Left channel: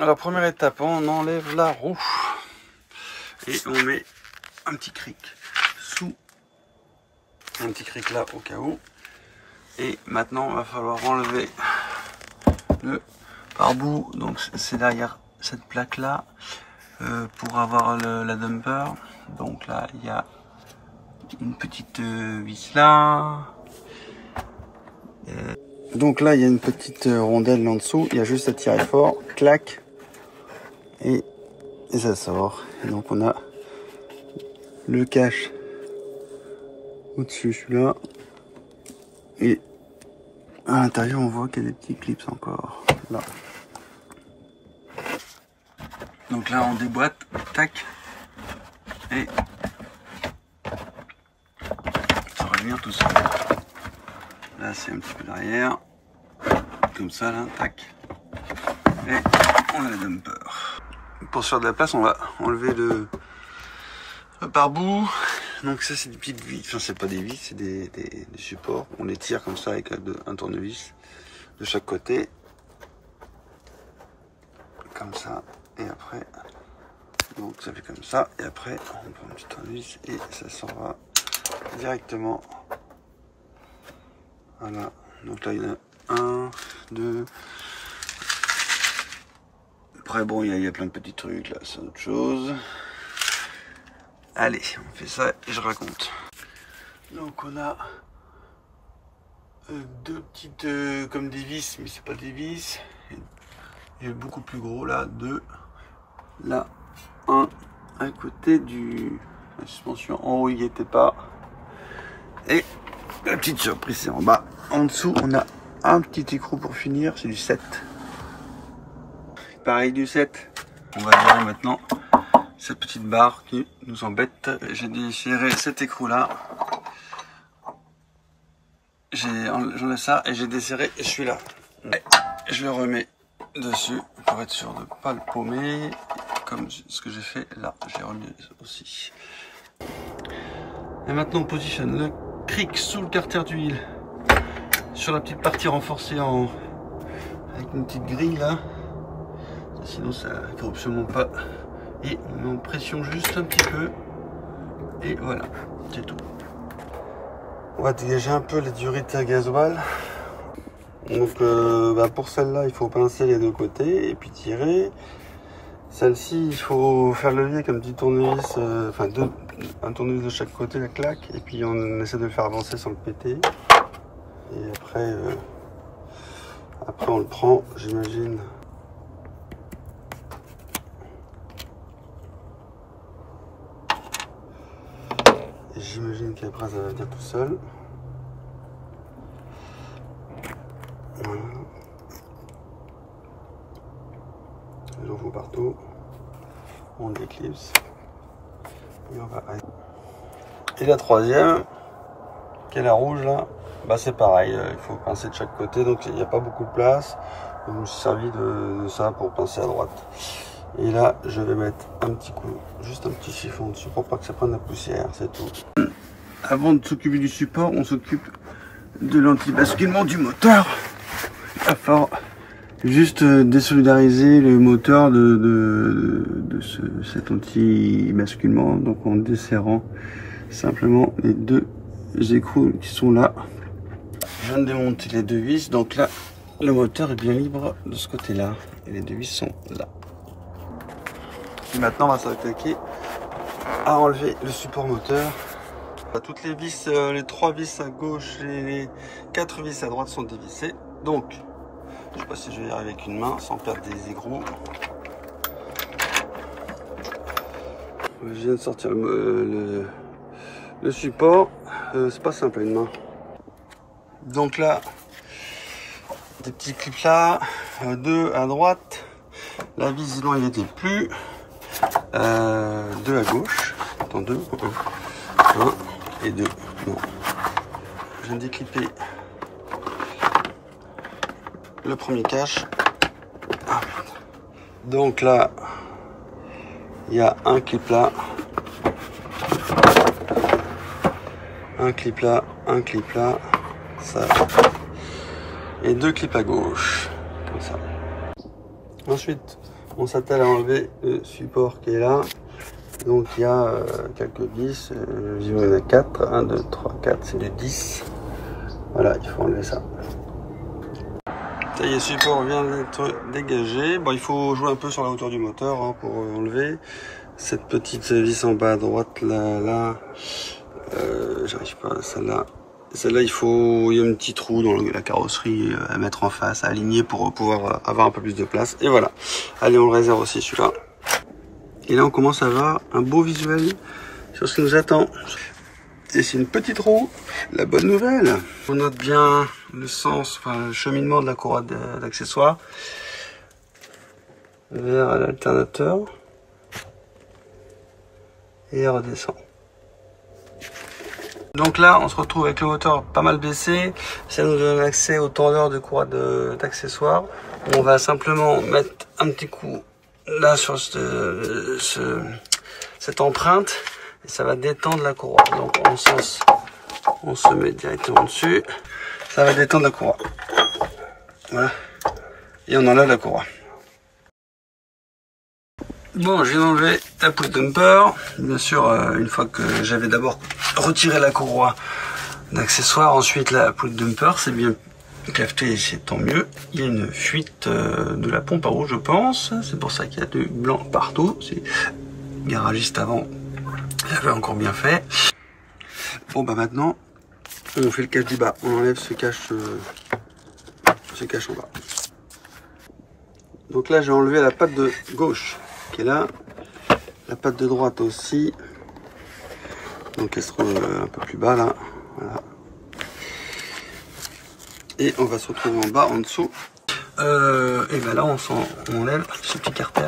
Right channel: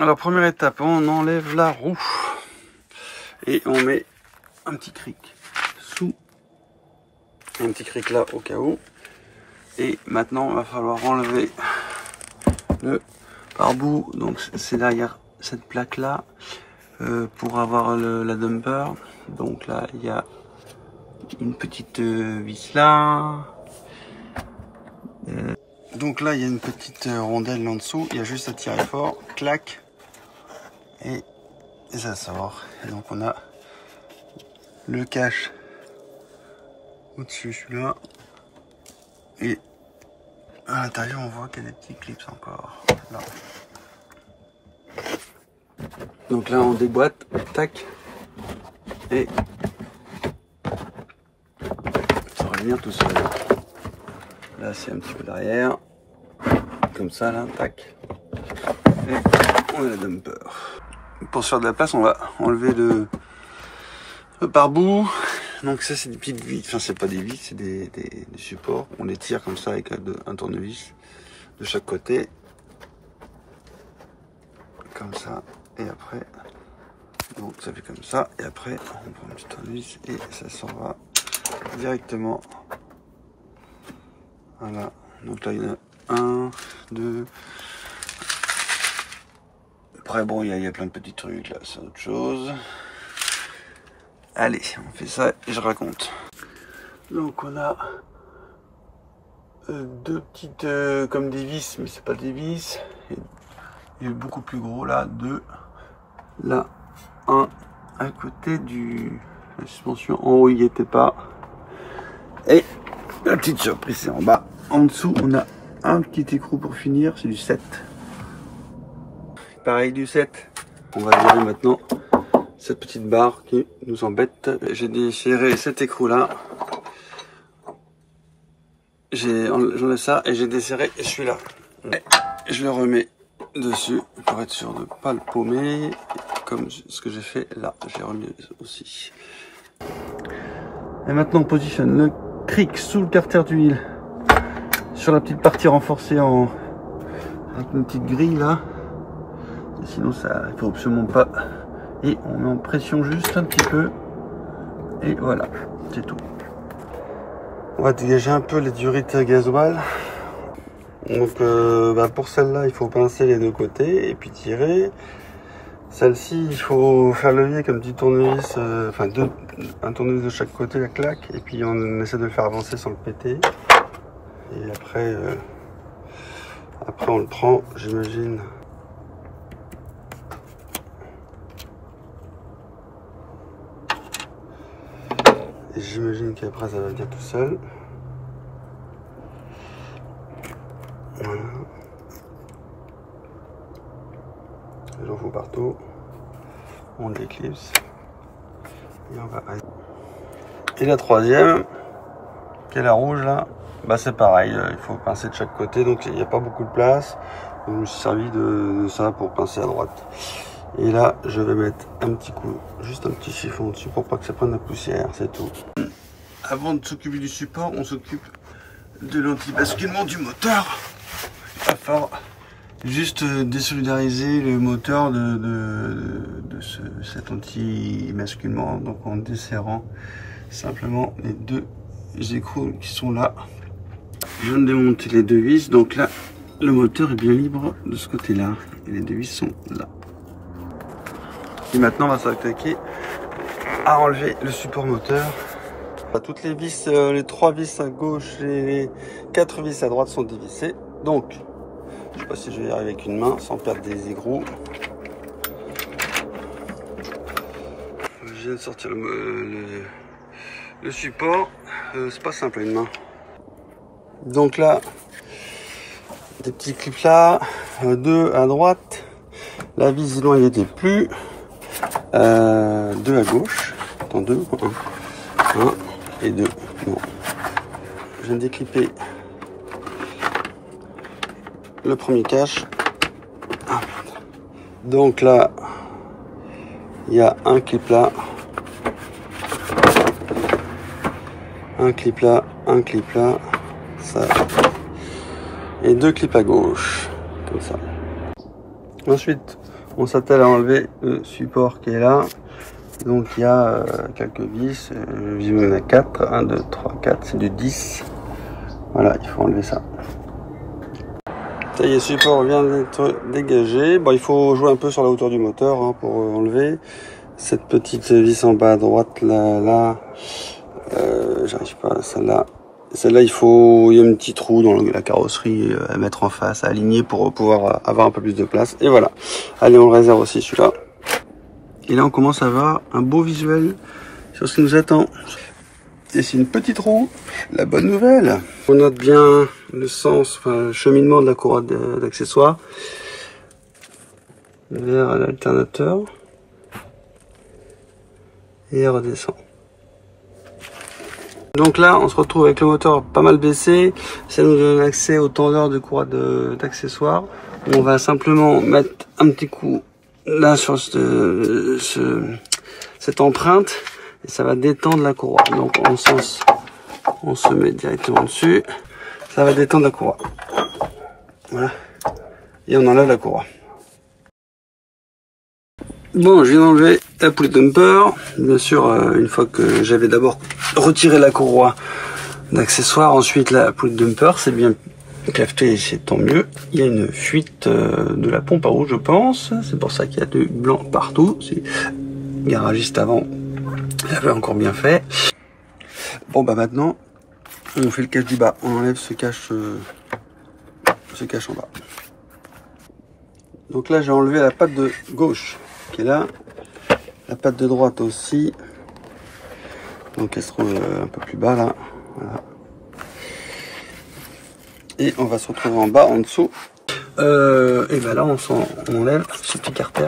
Alors première étape, on enlève la roue et on met un petit cric sous, un petit cric là au cas où. Et maintenant il va falloir enlever le pare-boue, donc c'est derrière cette plaque là pour avoir la dumper. Donc là il y a une petite vis là. Donc là il y a une petite rondelle en dessous, il y a juste à tirer fort, clac, et ça sort. Et donc on a le cache au-dessus, celui-là, et à l'intérieur on voit qu'il y a des petits clips encore là. Donc là on déboîte, tac, et ça revient tout seul. Là c'est un petit peu derrière, comme ça là, tac, et on a la dumper. Pour se faire de la place, on va enlever le pare-boue. Donc ça c'est des petites vis, enfin c'est pas des vis, c'est des supports. On les tire comme ça avec un tournevis de chaque côté, comme ça, et après, donc ça fait comme ça, et après on prend un petit tournevis et ça s'en va directement. Voilà, donc là il y en a un, deux. Après bon, il y a plein de petits trucs là, c'est autre chose. Allez, on fait ça et je raconte. Donc on a deux petites comme des vis, mais c'est pas des vis. Il est beaucoup plus gros là, deux. Là, un à côté la suspension. En haut, il n'y était pas. Et la petite surprise, c'est en bas. En dessous, on a un petit écrou pour finir, c'est du 7. Pareil du 7. On va virer maintenant cette petite barre qui nous embête. J'ai déchiré cet écrou là. J'enlève ça et j'ai desserré celui-là. Je le remets dessus pour être sûr de ne pas le paumer, comme ce que j'ai fait là. J'ai remis aussi. Et maintenant on positionne le cric sous le carter d'huile sur la petite partie renforcée avec une petite grille là. Et sinon ça ne faut absolument pas. Et on met en pression juste un petit peu. Et voilà, c'est tout. On va dégager un peu les durites à gasoil. Donc pour celle-là, il faut pincer les deux côtés et puis tirer. Celle-ci, il faut faire levier comme petit tournevis, un tournevis de chaque côté, la claque. Et puis on essaie de le faire avancer sans le péter. Et après on le prend, j'imagine. Et j'imagine qu'après ça va venir tout seul. Voilà. J'en fous partout. On déclipse. Et on va. Et la troisième, qui est la rouge là, bah c'est pareil, il faut pincer de chaque côté, donc il n'y a pas beaucoup de place. Donc, je me suis servi de ça pour pincer à droite. Et là, je vais mettre un petit coup, juste un petit chiffon dessus pour pas que ça prenne la poussière, c'est tout. Avant de s'occuper du support, on s'occupe de l'anti-basculement du moteur. Il va falloir juste désolidariser le moteur de cet anti-basculement, donc en desserrant simplement les deux écrous qui sont là. Je viens de démonter les deux vis, donc là le moteur est bien libre de ce côté là et les deux vis sont là. Et maintenant on va s'attaquer à enlever le support moteur. Toutes les vis, les 3 vis à gauche et les 4 vis à droite sont dévissées. Donc je sais pas si je vais y arriver avec une main sans perdre des écrous. Je viens de sortir le support, c'est pas simple à une main. Donc là, des petits clips là, 2 à droite, la vis non il n'était plus, 2 à gauche, attends 2, 1 et 2, bon. Je viens de déclipper le premier cache. Ah, donc là, il y a un clip là, un clip là, un clip là, ça, et 2 clips à gauche, comme ça. Ensuite, on s'attelle à enlever le support qui est là. Donc il y a quelques vis, il y en a 4, 1, 2, 3, 4, c'est du 10. Voilà, il faut enlever ça. Ça y est, le support vient d'être dégagé. Bon, il faut jouer un peu sur la hauteur du moteur hein, pour enlever. Cette petite vis en bas à droite, là, j'arrive pas, celle-là. Celle-là, il y a un petit trou dans la carrosserie à mettre en face, à aligner pour pouvoir avoir un peu plus de place. Et voilà. Allez, on le réserve aussi celui-là. Et là, on commence à avoir un beau visuel sur ce qui nous attend. Et c'est une petite roue. La bonne nouvelle. On note bien le sens, enfin, le cheminement de la courroie d'accessoires vers l'alternateur. Et elle redescend. Donc là, on se retrouve avec le moteur pas mal baissé. Ça nous donne accès au tendeur de courroie d'accessoires. On va simplement mettre un petit coup là sur cette empreinte et ça va détendre la courroie. Donc en sens, on se met directement dessus. Ça va détendre la courroie. Voilà. Et on enlève la courroie. Bon, je viens d'enlever la poulie dumper. Bien sûr, une fois que j'avais d'abord retiré la courroie d'accessoires, ensuite la poulie dumper, c'est bien cafeté, c'est tant mieux. Il y a une fuite de la pompe à eau, je pense. C'est pour ça qu'il y a du blanc partout. C'est garagiste avant, il avait encore bien fait. Bon, bah maintenant, on fait le cache du bas. On enlève ce cache en bas. Donc là, j'ai enlevé la patte de gauche qui est là, la patte de droite aussi, donc elle se trouve un peu plus bas là, voilà. Et on va se retrouver en bas, en dessous, et ben là on enlève ce petit carter,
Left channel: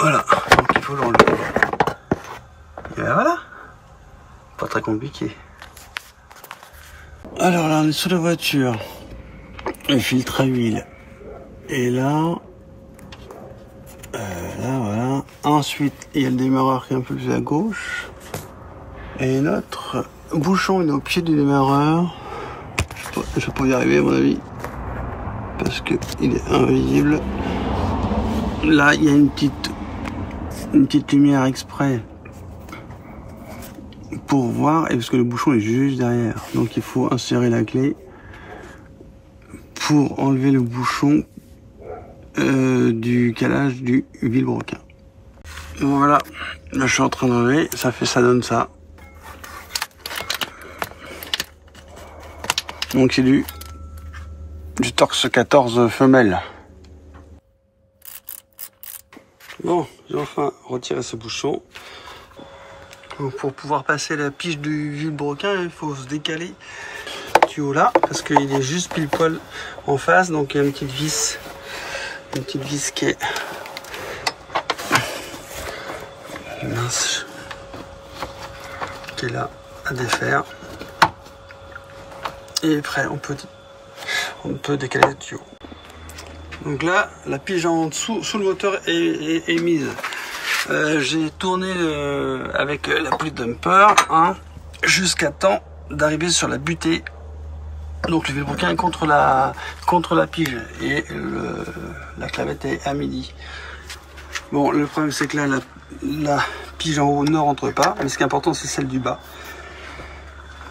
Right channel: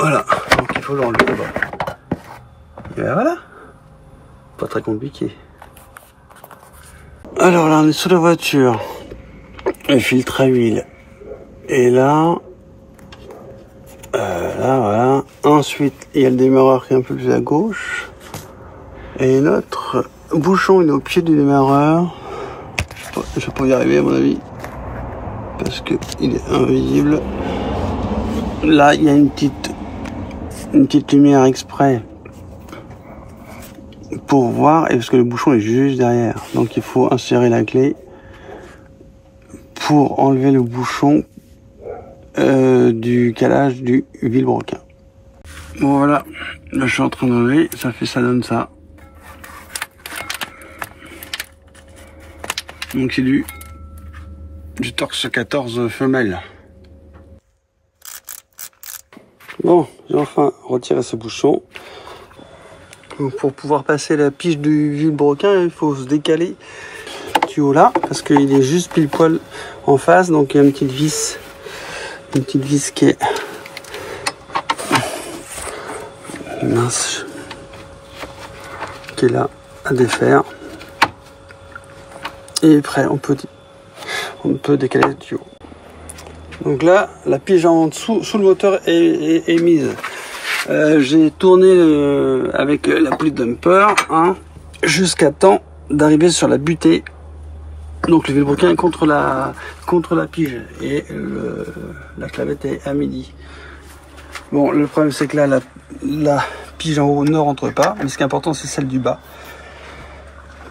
voilà, donc il faut l'enlever en bas, et ben voilà, pas très compliqué. Alors là on est sous la voiture, le filtre à huile, et là, là, voilà. Ensuite, il y a le démarreur qui est un peu plus à gauche. Et notre bouchon, il est au pied du démarreur. Je vais pas y arriver, à mon avis. Parce que il est invisible. Là, il y a une petite lumière exprès pour voir. Et parce que le bouchon est juste derrière. Donc, il faut insérer la clé pour enlever le bouchon du calage du vilebrequin. Bon voilà, là je suis en train d'enlever, ça donne ça. Donc c'est du Torx 14 femelle. Bon, j'ai enfin retiré ce bouchon. Donc, pour pouvoir passer la pige du vilebrequin, il faut se décaler le tuyau là, parce qu'il est juste pile poil en face, donc il y a une petite vis qui est mince, qui est là à défaire. Et après on peut décaler le tuyau. Donc là la pige en dessous sous le moteur est mise. J'ai tourné avec la poulie dumper hein, jusqu'à temps d'arriver sur la butée. Donc le vilebrequin est contre la pige et la clavette est à midi. Bon, le problème c'est que là la pige en haut ne rentre pas, mais ce qui est important c'est celle du bas.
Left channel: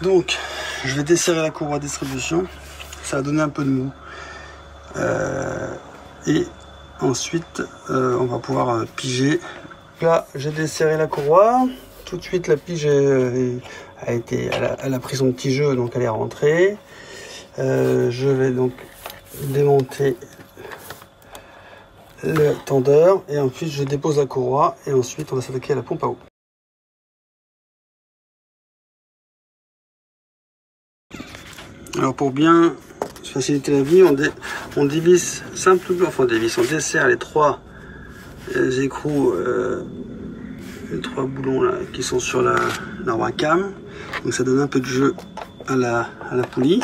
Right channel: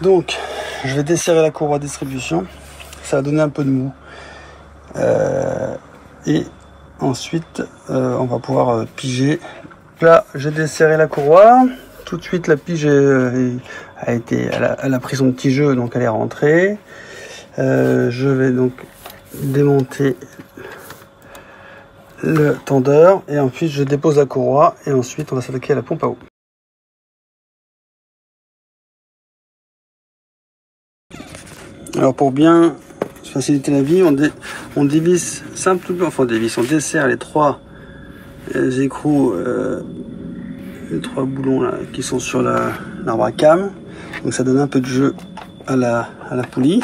Donc je vais desserrer la courroie de distribution, ça va donner un peu de mou. Et ensuite on va pouvoir piger. Là j'ai desserré la courroie, tout de suite la pige elle a pris son petit jeu, donc elle est rentrée. Je vais donc démonter le tendeur et ensuite je dépose la courroie et ensuite on va s'attaquer à la pompe à eau. Alors pour bien faciliter la vie, on dévisse simplement, enfin on dessert les trois écrous, les trois boulons là, qui sont sur l'arbre à cam, donc ça donne un peu de jeu à la poulie.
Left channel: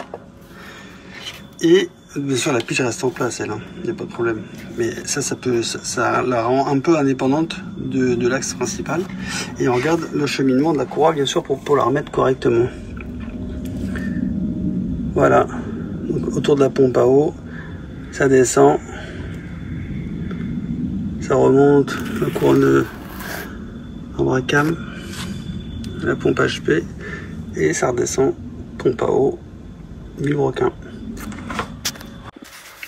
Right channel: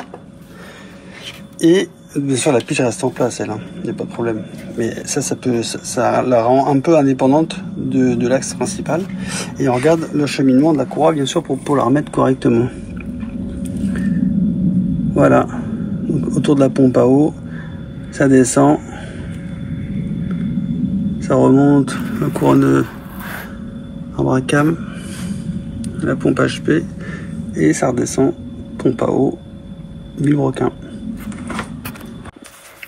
Et bien sûr la pige reste en place elle, il n'y a pas de problème. Mais ça la rend un peu indépendante de l'axe principal. Et on regarde le cheminement de la courroie bien sûr pour la remettre correctement. Voilà, donc autour de la pompe à eau, ça descend Ça remonte le couronne en Bracam, la pompe HP, et ça redescend, pompe à eau, Villebrequin.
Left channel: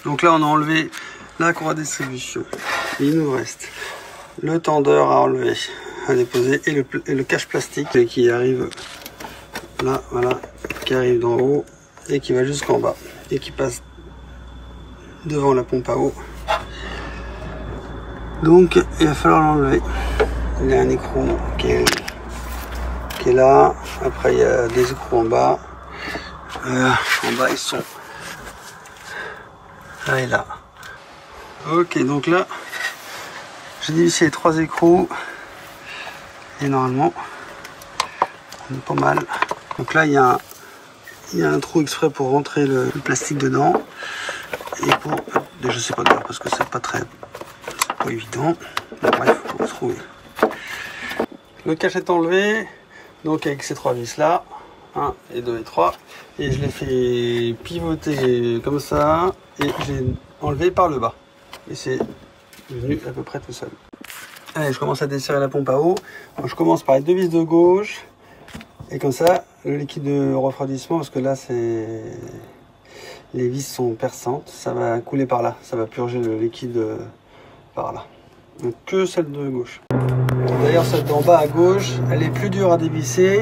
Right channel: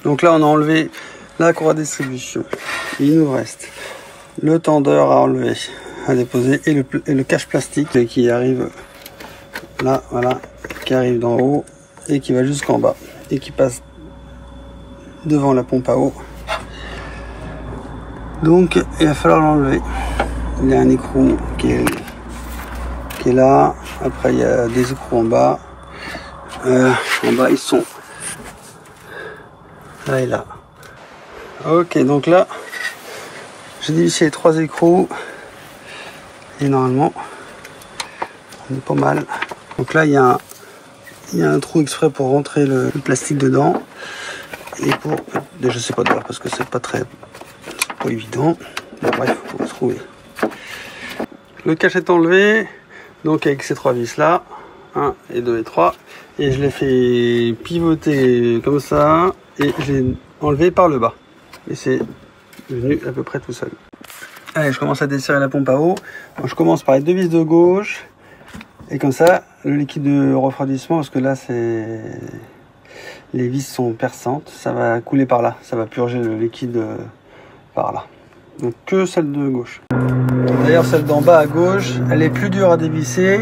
Donc là on a enlevé la courroie de distribution. Et il nous reste le tendeur à enlever, à déposer, et le cache plastique qui arrive là, voilà, qui arrive d'en haut et qui va jusqu'en bas et qui passe devant la pompe à eau. Donc il va falloir l'enlever. Il y a un écrou qui est là. Après il y a des écrous en bas. En bas ils sont là et là. Ok, donc là j'ai dévissé les 3 écrous et normalement on est pas mal. Donc là il y a un trou exprès pour rentrer le plastique dedans et pour, je sais pas d'ailleurs parce que c'est pas évident. Bon, bref, faut se trouver. Le cache est enlevé, donc avec ces 3 vis là, 1 et 2 et 3, et je l'ai fait pivoter comme ça et je l'ai enlevé par le bas et c'est venu à peu près tout seul. Allez, je commence à desserrer la pompe à eau. Donc, je commence par les 2 vis de gauche et comme ça le liquide de refroidissement, parce que là les vis sont perçantes, ça va couler par là, ça va purger le liquide par là. Donc que celle de gauche. D'ailleurs celle d'en bas à gauche, elle est plus dure à dévisser.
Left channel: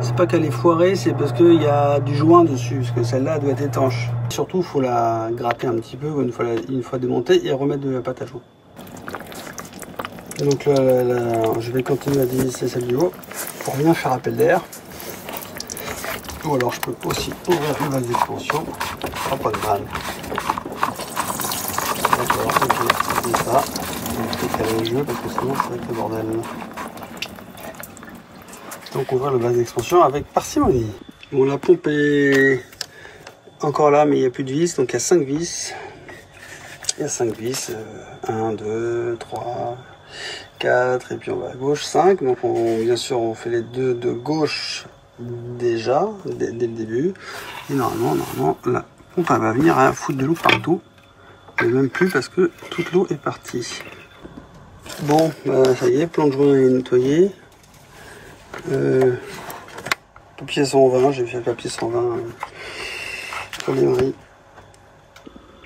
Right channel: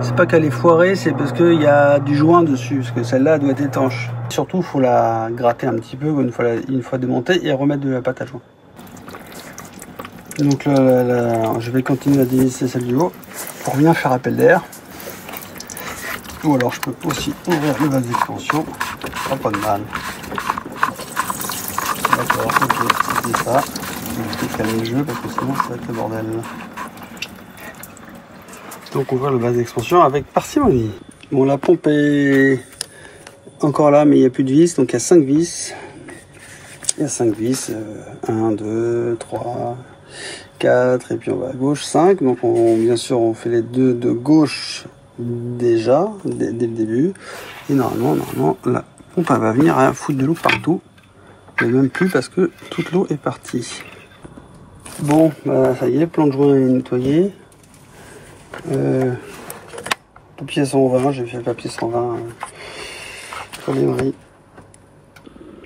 C'est pas qu'elle est foirée, c'est parce qu'il y a du joint dessus, parce que celle-là doit être étanche. Surtout il faut la gratter un petit peu une fois démontée et remettre de la pâte à joint. Donc là, je vais continuer à dévisser celle du haut pour bien faire appel d'air. Ou alors je peux aussi ouvrir le vase d'expansion, pas de mal. D'accord, ok, c'est ça. Je vais peut-être aller le jeu parce que sinon ça va être le bordel. Donc on ouvre le vase d'expansion avec parcimonie. Bon, la pompe est encore là mais il n'y a plus de vis, donc il y a 5 vis. Il y a 5 vis, 1, 2, 3, 4 et puis on va à gauche 5. Donc bien sûr on fait les 2 de gauche déjà dès le début et normalement la pompe elle va venir à foutre de l'eau partout, et même plus parce que toute l'eau est partie. Bon, ça y est, plan de joint est nettoyé. Papier 120, j'ai fait papier 120 sur les maris.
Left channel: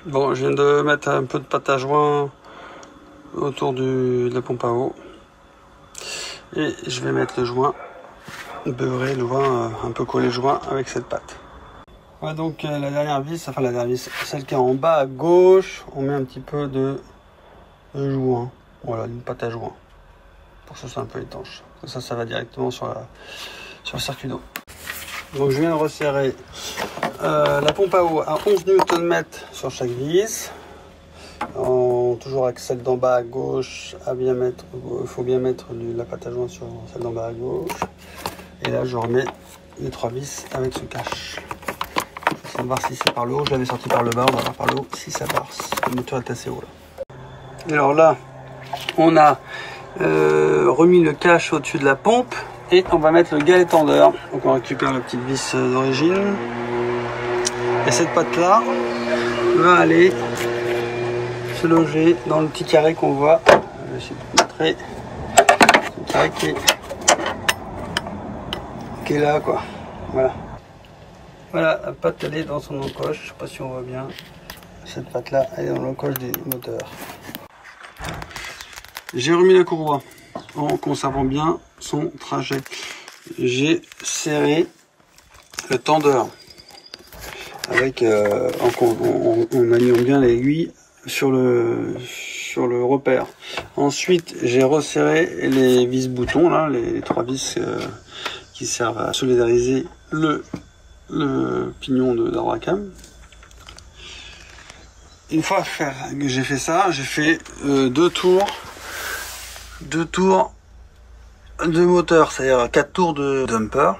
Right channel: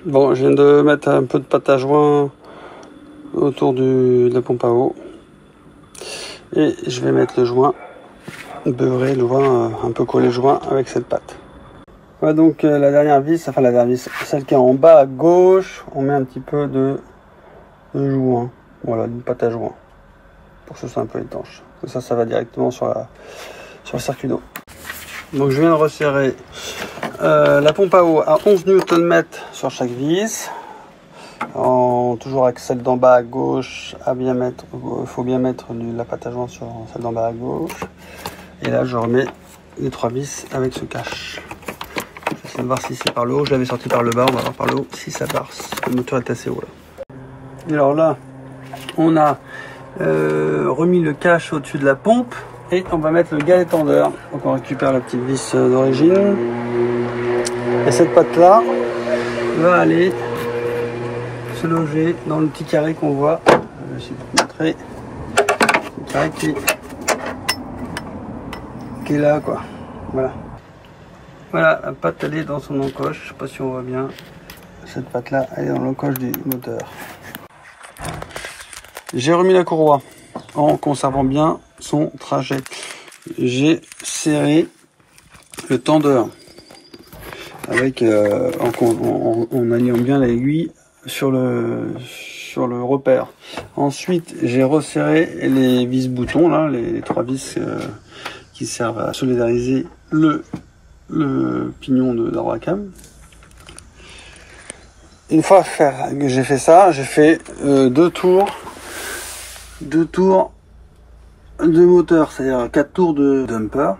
Bon, je viens de mettre un peu de pâte à joint autour de la pompe à eau et je vais mettre le joint beurrer, le joint un peu collé joint avec cette pâte. Voilà, donc la dernière vis, enfin la dernière vis, celle qui est en bas à gauche, on met un petit peu de joint, voilà, une pâte à joint pour que ce soit un peu étanche. Ça va directement sur le circuit d'eau. Donc je viens de resserrer la pompe à eau à 11 Nm sur chaque vis. Toujours avec celle d'en bas à gauche, il faut bien mettre la pâte à joint sur celle d'en bas à gauche. Et là je remets les 3 vis avec ce cache. Je vais voir si c'est par le haut, je l'avais sorti par le bas, on va voir par le haut si ça passe. Le moteur est assez haut là. Et alors là, on a remis le cache au-dessus de la pompe et on va mettre le galet tendeur. Donc on récupère la petite vis d'origine. Et cette pâte là va aller se loger dans le petit carré qu'on voit. Je vais essayer de vous montrer. Le carré qui est là quoi. Voilà. Voilà, la pâte elle est dans son encoche. Je sais pas si on voit bien. Cette pâte là, elle est dans l'encoche du moteur. J'ai remis la courroie en conservant bien son trajet. J'ai serré le tendeur avec en maniant bien l'aiguille sur le repère. Ensuite, j'ai resserré les vis boutons là, les 3 vis qui servent à solidariser le pignon d'Abracam. Une fois que j'ai fait ça, j'ai fait 2 tours de moteur, c'est-à-dire 4 tours de dumper.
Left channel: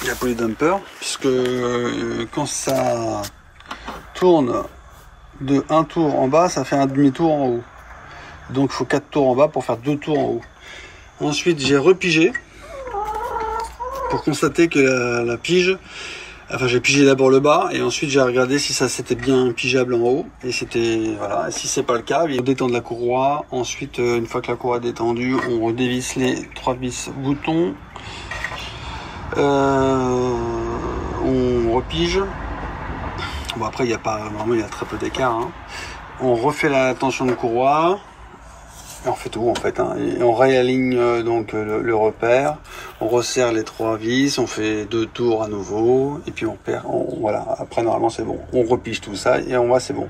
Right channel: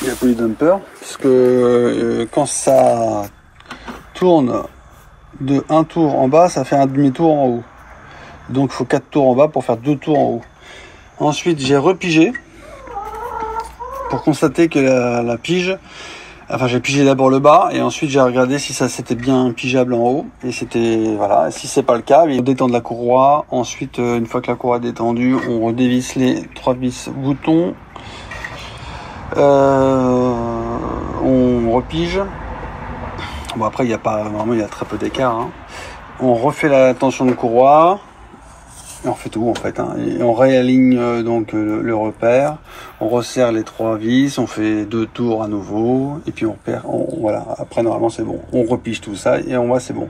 Il y a plus de dumper, puisque quand ça tourne de 1 tour en bas, ça fait un demi-tour en haut. Donc il faut 4 tours en bas pour faire 2 tours en haut. Ensuite, j'ai repigé pour constater que la pige Enfin, j'ai pigé d'abord le bas et ensuite j'ai regardé si ça c'était bien pigeable en haut. Et c'était, voilà, si c'est pas le cas, on détend la courroie. Ensuite, une fois que la courroie est détendue, on redévisse les 3 vis boutons. On repige. Bon, après, il y a pas, normalement, il y a très peu d'écart. Hein. On refait la tension de courroie. Et on fait tout en fait, hein. Et on réaligne donc le repère, on resserre les 3 vis, on fait 2 tours à nouveau, et puis on perd, voilà, après normalement c'est bon. On repige tout ça et on voit c'est bon.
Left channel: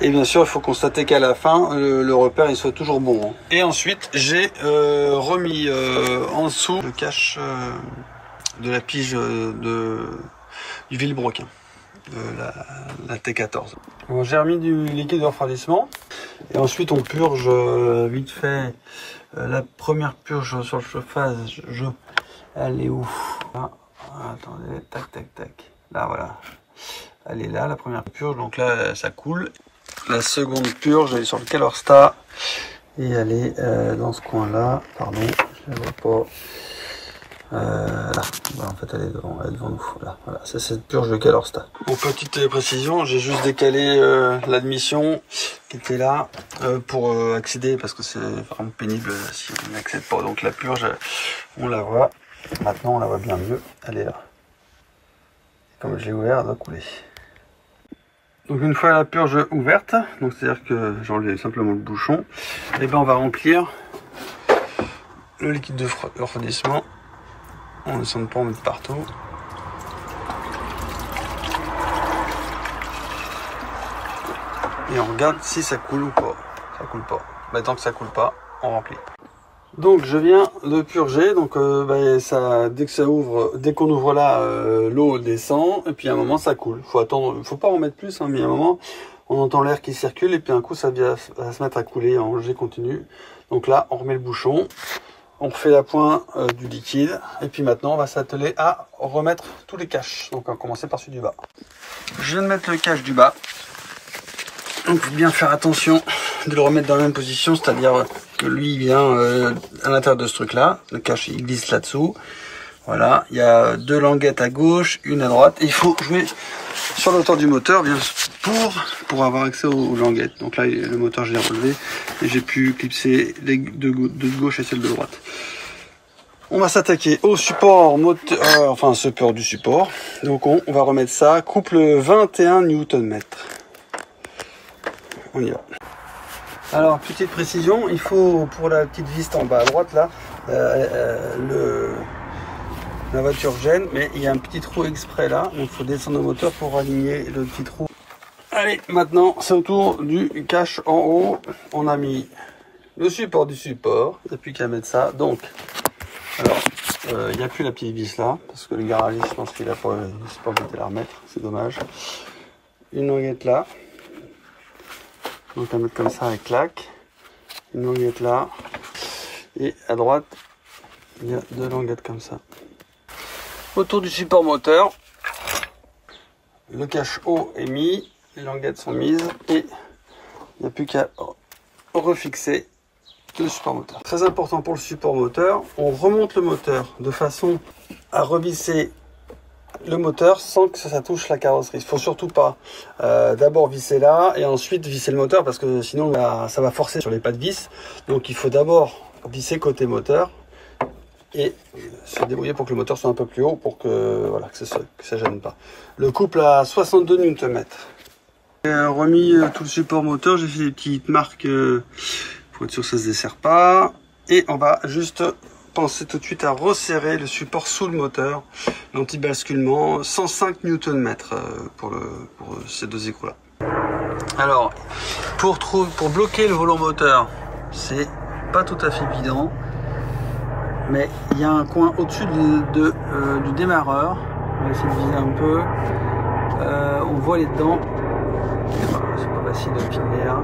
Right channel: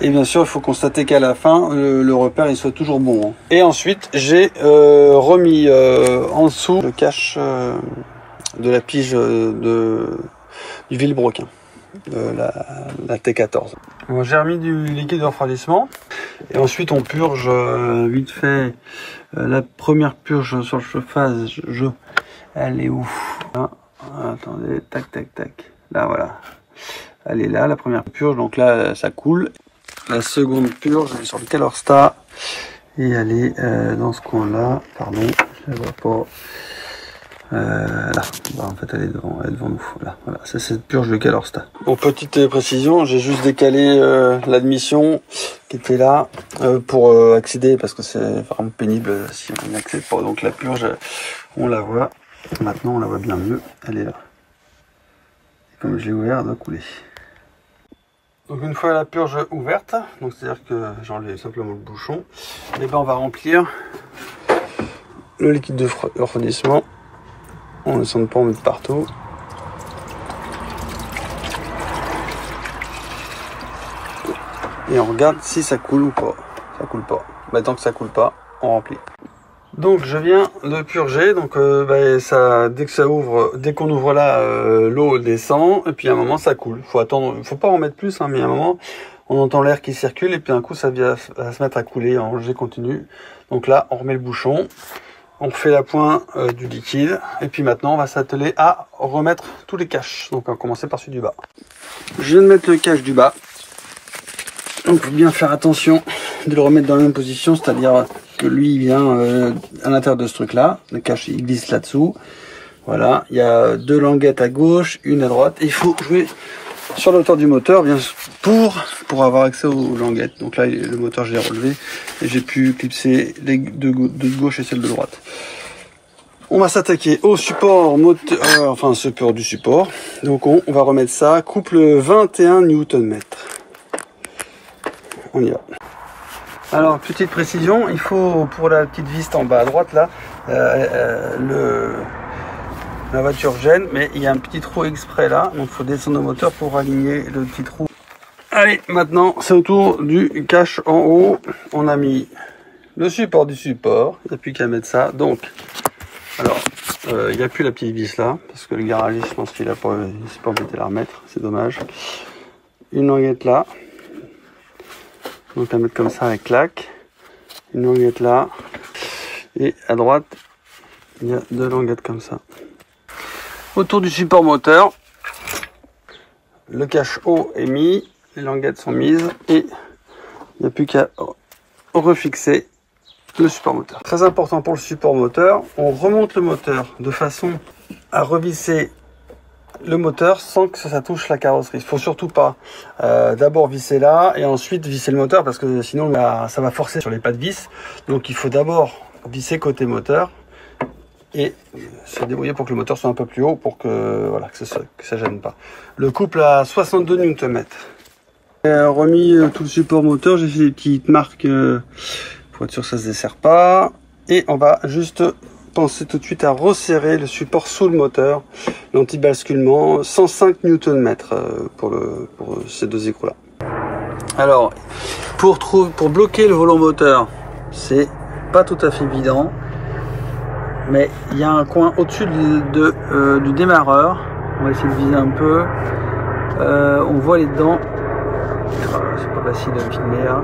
Et bien sûr il faut constater qu'à la fin, le repère il soit toujours bon. Hein. Et ensuite j'ai remis en dessous le cache de la pige du Villebrequin, la T14. Bon, j'ai remis du liquide de refroidissement et ensuite on purge vite fait la première purge sur le chauffage. Elle est où? Là, attendez, tac tac tac. Là voilà, elle est là la première purge, donc là ça coule. La seconde purge elle est sur le Calorsta et elle est dans ce coin là. Pardon, je la vois pas. Là, bah, en fait elle est devant nous. Voilà, c'est cette purge de Calorsta. Bon, petite précision, j'ai juste décalé l'admission qui était là pour accéder parce que c'est vraiment pénible si on n'accède pas. Donc la purge, on la voit. Maintenant on la voit bien mieux. Elle est là. Comme je l'ai ouvert, elle doit couler. Donc une fois la purge ouverte, donc c'est-à-dire que j'enlève simplement le bouchon, et ben on va remplir le liquide de refroidissement. On ne sent pas en mettre partout. Et on regarde si ça coule ou pas. Ça coule pas. Bah, tant que ça coule pas, on remplit. Donc je viens de purger. Donc ça, dès que ça ouvre, dès qu'on ouvre là, l'eau descend. Et puis à un moment ça coule. Faut attendre. Faut pas en mettre plus, hein, mais à un moment on entend l'air qui circule et puis un coup ça va se mettre à couler en jet continu. Donc là on remet le bouchon. On fait la pointe du liquide et puis maintenant on va s'atteler à remettre tous les caches. Donc on va commencer par celui du bas. Je viens de mettre le cache du bas. Donc il faut bien faire attention de le remettre dans la même position, c'est-à-dire que lui il vient à l'intérieur de ce truc là. Le cache il glisse là-dessous. Voilà, il y a 2 languettes à gauche, une à droite. Et il faut jouer sur le hauteur du moteur bien pour avoir accès aux languettes. Donc là le moteur je l'ai relevé et j'ai pu clipser les de gauche et celle de droite. On va s'attaquer au support moteur, enfin support du support. Donc on va remettre ça couple 21 Nm. On y va. Alors petite précision, il faut pour la petite vis en bas à droite là, la voiture gêne, mais il y a un petit trou exprès là, donc il faut descendre le moteur pour aligner le petit trou. Allez, maintenant c'est au tour du cache en haut. On a mis le support du support, il n'y a plus qu'à mettre ça. Donc, alors, il n'y a plus la petite vis là, parce que le garagiste, je pense qu'il a pas envie de la remettre, c'est dommage. Une languette là, donc la mettre comme ça avec claque. Une languette là, et à droite, il y a 2 languettes comme ça. Autour du support moteur, le cache haut est mis, les languettes sont mises et il n'y a plus qu'à refixer le support moteur. Très important pour le support moteur, on remonte le moteur de façon à revisser le moteur sans que ça touche la carrosserie. Il ne faut surtout pas d'abord visser là et ensuite visser le moteur parce que sinon ça va forcer sur les pas de vis. Donc il faut d'abord visser côté moteur et se débrouiller pour que le moteur soit un peu plus haut pour que voilà que ça gêne pas. Le couple à 62 Nm. J'ai remis tout le support moteur, j'ai fait des petites marques pour être sûr que ça se desserre pas. Et on va juste penser tout de suite à resserrer le support sous le moteur, l'anti-basculement, 105 Nm pour ces 2 écrous là. Alors pour bloquer le volant moteur, c'est pas tout à fait évident. Mais il y a un coin au-dessus du démarreur. On va essayer de viser un peu. On voit les dents. C'est pas facile de filmer là.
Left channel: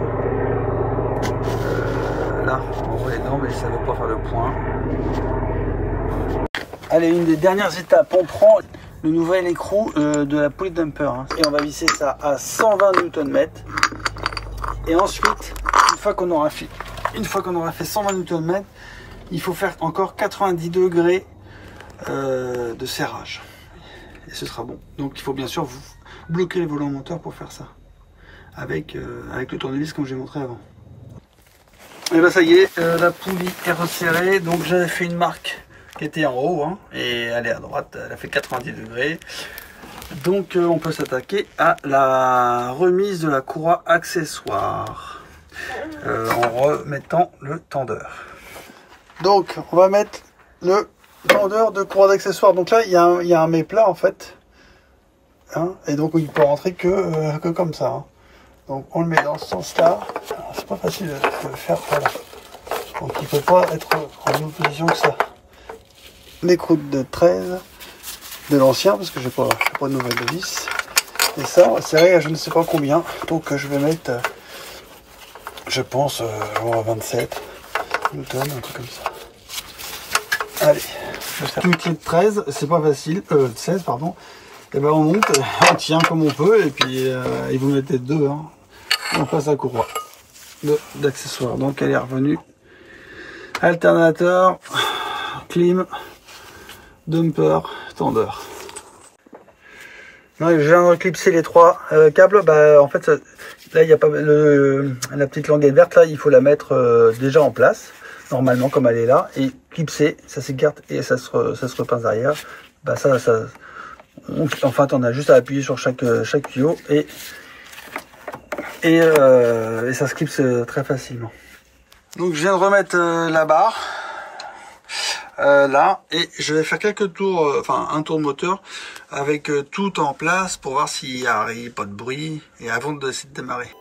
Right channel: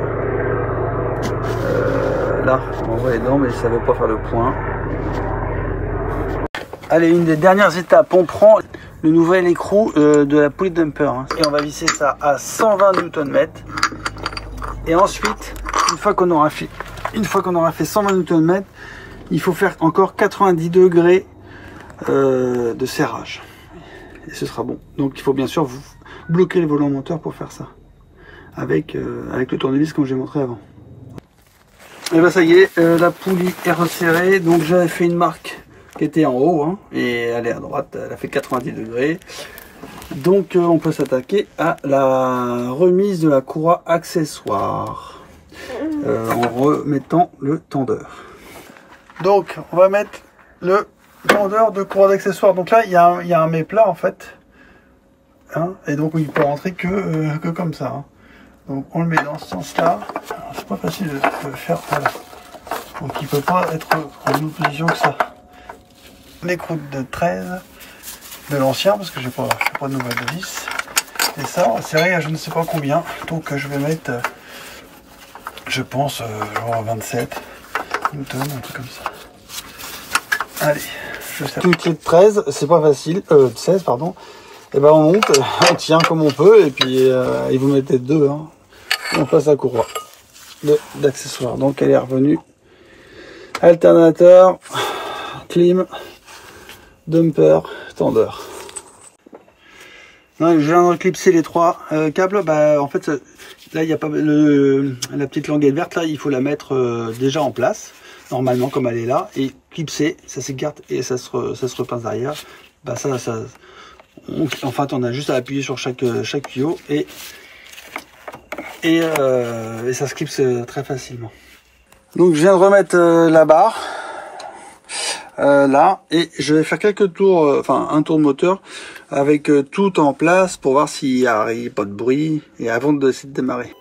Là, on voit les dents, mais ça ne veut pas faire le point. Allez, une des dernières étapes. On prend le nouvel écrou de la poulie dumper. Hein, et on va visser ça à 120 Nm. Et ensuite, une fois qu'on aura fait 120 Nm, il faut faire encore 90 degrés de serrage. et ce sera bon. Donc il faut bien sûr vous bloquer le volant moteur pour faire ça. Avec le tournevis comme j'ai montré avant. Et ben ça y est, la poulie est resserrée. Donc j'avais fait une marque qui était en haut, hein, et elle est à droite, elle a fait 90 degrés. Donc on peut s'attaquer à la remise de la courroie accessoire en remettant le tendeur. Donc on va mettre le tendeur de courroie d'accessoire. Donc là il y a un méplat en fait, hein, et donc il peut rentrer que comme ça, hein. Donc on le met dans ce sens-là. C'est pas facile de faire, voilà. Donc il peut pas être en une position que ça. L'écroute de 13 de l'ancien, parce que j'ai pas de nouvelle de 10. Et ça on va serrer à je ne sais pas combien. Donc je vais mettre, je pense, 27 Newton, un truc comme ça. Allez, je serre. Une clé de 13, c'est pas facile, de 16 pardon. Et ben on monte, on tient comme on peut, et puis et vous mettez deux, hein. On passe la courroie d'accessoires. Donc elle est revenue. Alternateur, clim, dumper, tendeur. Non, je viens de clipser les trois câbles. Bah en fait ça, là il n'y a pas la petite languette verte là, il faut la mettre déjà en place normalement comme elle est là, et clipser, ça s'écarte et ça se repince derrière. Bah en fait on a juste à appuyer sur chaque tuyau et ça se clipse très facilement. Donc je viens de remettre la barre là, et je vais faire quelques tours, enfin un tour de moteur avec tout en place pour voir s'il n'y a pas de bruit, et avant de démarrer.